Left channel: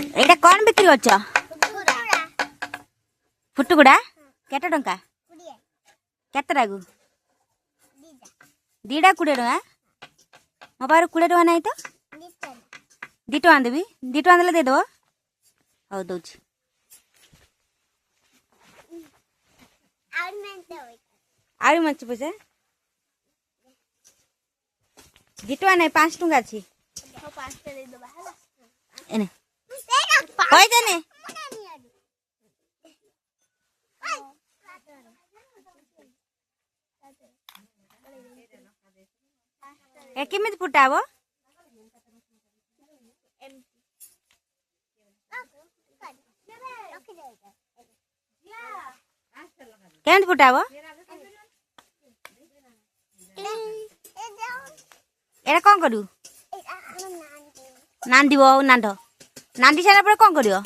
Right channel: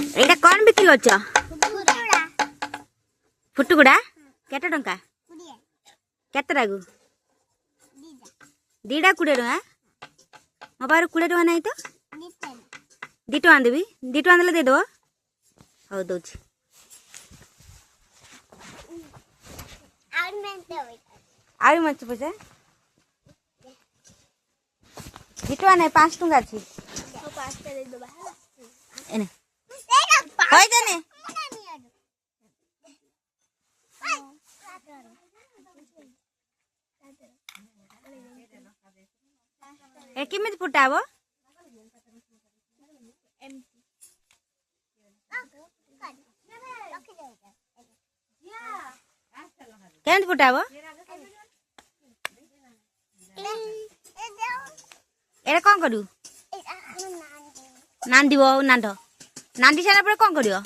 एटा कौन बिक्री होच फुटुगुड़ा केटे टंका केते रागु दीटा 20 टका मो पार 20 टका नहीं तो 2 टका देवी 2 टका देले दे दो हो दउची आरु मच पैसा 2 टका नहीं 5 टका अछि एने होय देने ए किमित फुटाबो केंत फुटाबो एरा कोन करू नांदी बो नांदो नांदी सारा पर कोन करियो